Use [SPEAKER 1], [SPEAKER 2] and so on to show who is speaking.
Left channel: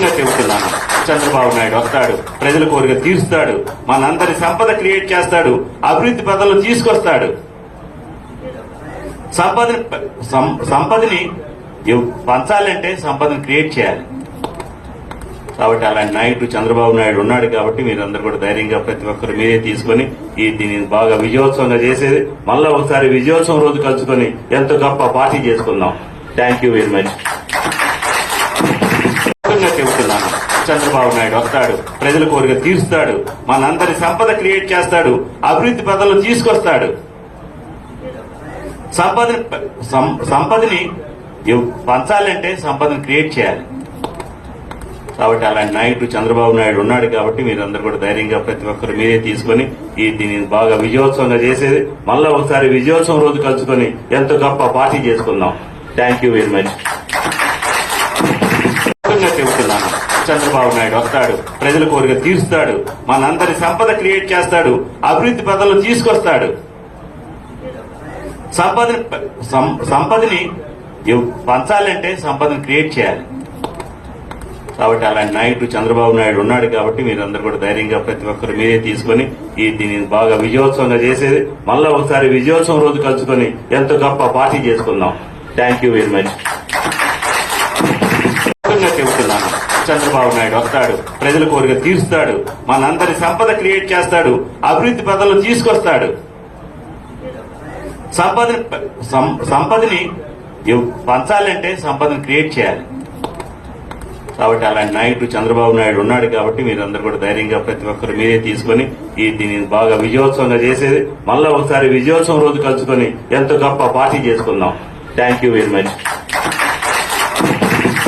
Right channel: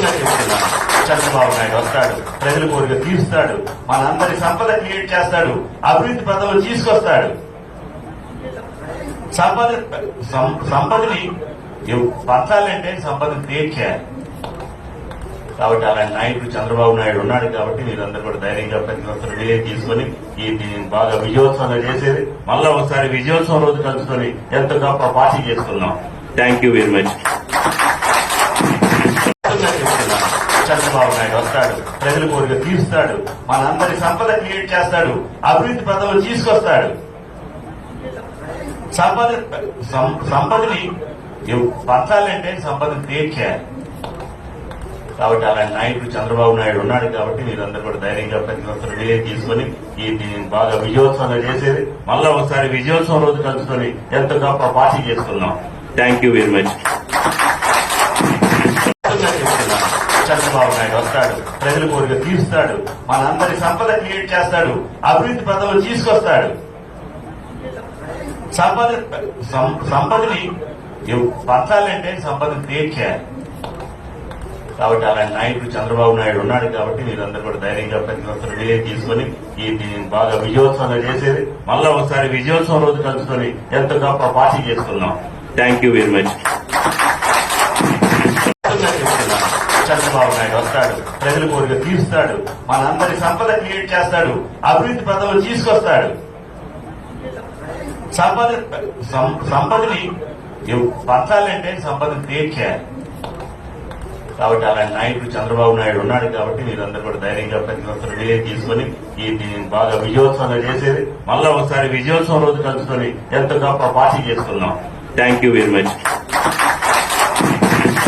[SPEAKER 1] స్పష్టంగా చెబుతున్నాను చంద్రబాబు నాయుడు వస్తాడు ప్రజల కోరిక తీరుస్తాడు. మనందరి సంపద క్రియేట్ చేస్తాడు. అభివృద్ధి పదవులు తీసుకొస్తాడు. సంపద సంపదని పంచాలంటే సంపదను క్రియేట్ చేయాలి. కాబట్టి అలాంటి నాయకుడు చంద్రబాబు నాయుడు ఉన్నాడు కాబట్టి మీరందరూ కూడా ధైర్యంగా ప్రతి ఒక్కరు మీరే తీసుకొని ఈ దీన్ని బాగా విజయోత్సవంగా చేసేది. మళ్ళా ఒకసారి విజయోత్సవం రోజు కలుసుకొని ఎంతో గొప్ప పార్టీ చేసుకుందాం. థ్యాంక్ యూ వెరీ మచ్ చేస్తాడు. ప్రజల కోరిక తీరుస్తాడు. మనందరి సంపద క్రియేట్ చేస్తాడు. అభివృద్ధి పదవులు తీసుకొస్తాడు. సంపద సం- సంపదని పంచాలంటే సంపదను క్రియేట్ చేయాలి. కాబట్టి అలాంటి నాయకుడు చంద్రబాబు నాయుడు ఉన్నాడు కాబట్టి మీరందరూ కూడా ధైర్యంగా ప్రతి ఒక్కరు మీరే తీసుకొని ఈ దీన్ని బాగా విజయోత్సవంగా చేసేది. మళ్ళా ఒకసారి విజయోత్సవం రోజు కలుసుకొని ఎంతో గొప్ప పార్టీ చేసుకుందాం. థ్యాంక్ యూ వెరీ మచ్ చేస్తాడు. ప్రజల కోరిక తీరుస్తాడు. మనందరి సంపద క్రియేట్ చేస్తాడు. అభివృద్ధి పదవులు తీసుకొస్తాడు. సంపద సం- సంపదని పంచాలంటే సంపదను క్రియేట్ చేయాలి. కాబట్టి అలాంటి నాయకుడు చంద్రబాబు నాయుడు ఉన్నాడు కాబట్టి మీరందరూ కూడా ధైర్యంగా ప్రతి ఒక్కరు మీరే తీసుకొని ఈ దీన్ని బాగా విజయోత్సవంగా చేసేది. మళ్ళా ఒకసారి విజయోత్సవం రోజు కలుసుకొని ఎంతో గొప్ప పార్టీ చేసుకుందాం. Thank you very much Chandrababu Naidu వస్తాడు. ప్రజల కోరిక తీరుస్తాడు. మనందరి సంపద క్రియేట్ చేస్తాడు. అభివృద్ధి పదవులు తీసుకొస్తాడు. సంపద సం- సంపదని పంచాలంటే సంపదను క్రియేట్ చేయాలి. కాబట్టి అలాంటి నాయకుడు చంద్రబాబు నాయుడు ఉన్నాడు కాబట్టి మీరందరూ కూడా ధైర్యంగా ప్రతి ఒక్కరు మీరే తీసుకొని ఈ దీన్ని బాగా విజయోత్సవంగా చేసేది. మళ్ళా ఒకసారి విజయోత్సవం రోజు కలుసుకొని ఎంతో గొప్ప పార్టీ చేసుకుందాం. Thank you very much